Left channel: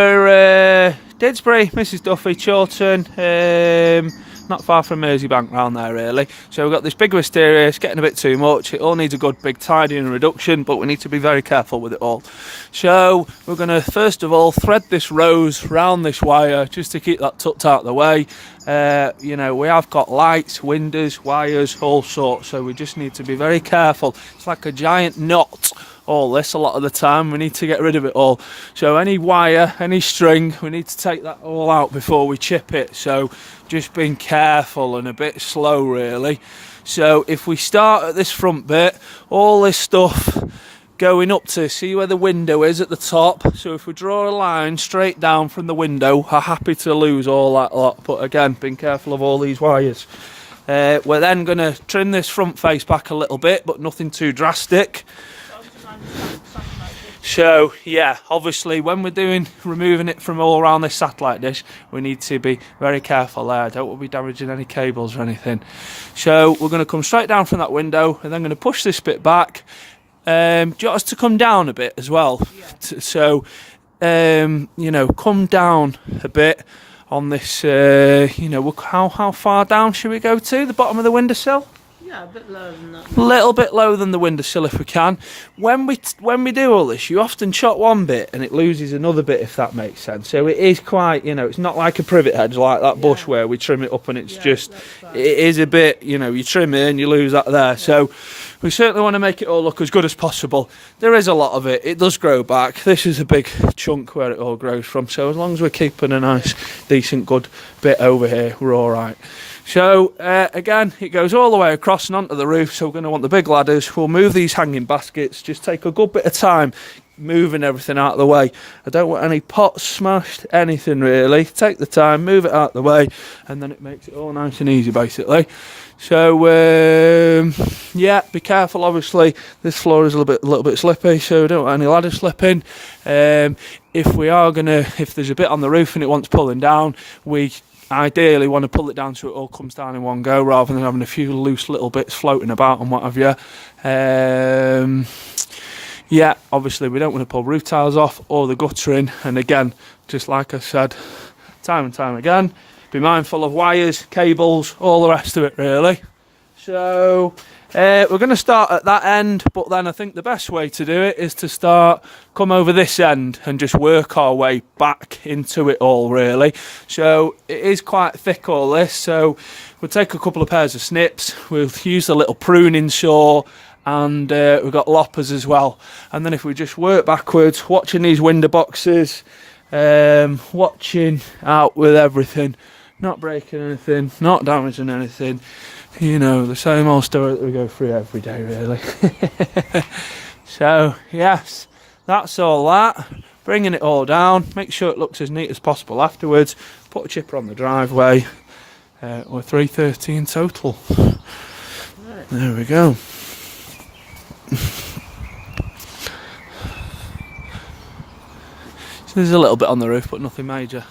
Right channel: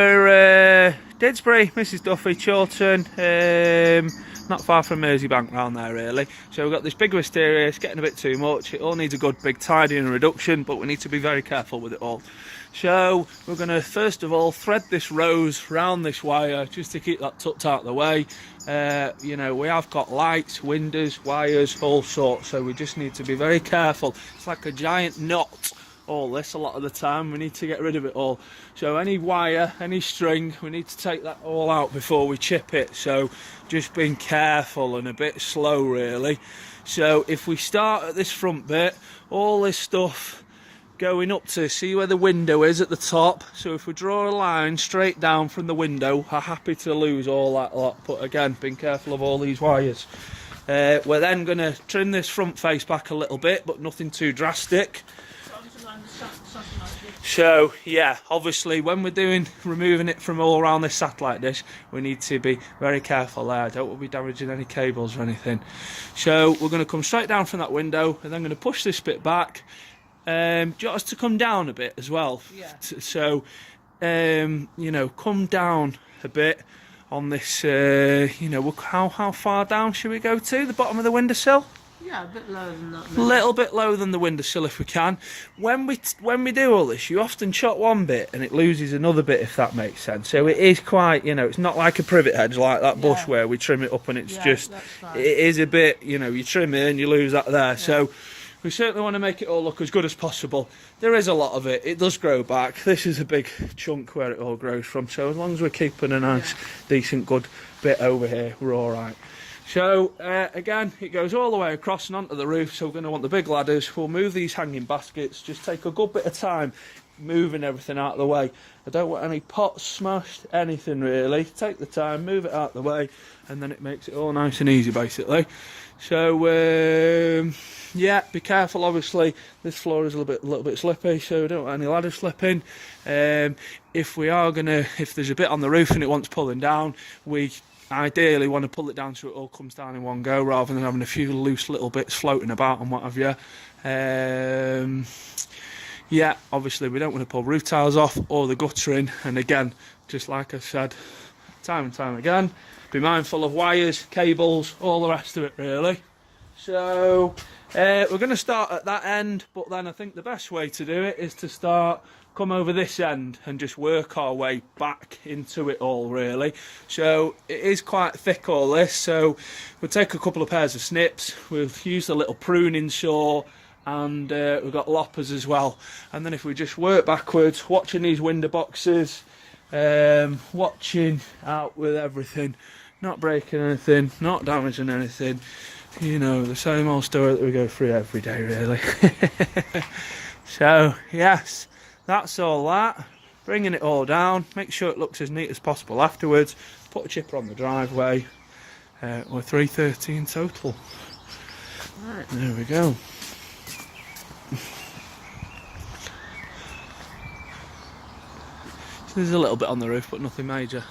We're Didsbury, Mrs. Duffy, Chorlton, not far from Merseybank round there really. So we've got this big wisteria, it's getting a bit too much, it all needs a good big tidying and reduction, but we need to be very careful with it all. So we're going to first of all thread this rose round this wire just to keep that tucked out of the way. You know, we have got lights, windows, wires, all sorts, so we just need to be very careful. It's like a giant knot. All this a lot of the time, we need to get rid of it all. So any wire, any string, we need to take that all out before we chip it. So just being careful and a bit slow really. So if we start at this front bit, all this stuff going up to, see where the window is at the top. So if we draw a line straight down from the window, I'm happy to lose all that lot, but again, being careful of all these wires. We're then going to trim this front face back a little bit, but nothing too drastic. So yeah, obviously when we're removing it from all around this satellite dish, we need to be very careful there. Don't want to be damaging any cables or anything. So we're going to come straight down from that window and then going to push this bit back. Do you want us to come down a bit as well? Yeah. So you know, come down a bit on this. You know, how far down should we go to? The bottom of the windowsill? Yeah, a bit lower than that. A little bit lower than the windowsill if we can. When we do all this, you often chop one bit and it loses another bit, if that makes sense. So it is quite, you know, it's not like a privet hedge like that bush where we trim it up and it's just, right. It is a bit, you know, you trim it and you lose that there. Yeah. So we certainly want to make it all look as good as possible. There is a lot of it. It does grow back. This is a big chunk where it all grows from. So as long as we're keeping a nice, decent, good bit over here, we're all right. So again, it goes all the way across and onto the roof, so we're going to want the big ladders. We'll move these hanging baskets, just take a good bit of time moving everything out of the way. I don't want any pots smashed, anything really. Take the time, move it out of the way, and then it makes it all nice and easy basically. So yeah, be careful obviously, this floor is a little bit slippy, so we don't want any ladder slipping. If there's a bit on the roof and it wants pulling down, we ideally want to pull it down so it all comes down in one go rather than having a few loose little bits floating about and what have you. Yeah, obviously we don't want to pull roof tiles off or the guttering, and again, just like I said time and time again, be mindful of wires, cables, all the rest of it really. So we're going to start at that end, but then I think the best way to do it is to come over this end and just work our way back into it all really. So it is quite thick all this, so we'll take a couple of pairs of snips, we'll use the little pruning saw, and we've got loppers as well. And then if we just work backwards, watching these window boxes, watching out with everything, not breaking anything, not damaging anything. You know, the same old story that we go through every day really. So yes, that's all that. Bringing it all down, make sure it looks as neat as possible afterwards. Put a chipper on the driveway. We're 330 in total. There we go. So there's a little bit on the roof, but nothing major.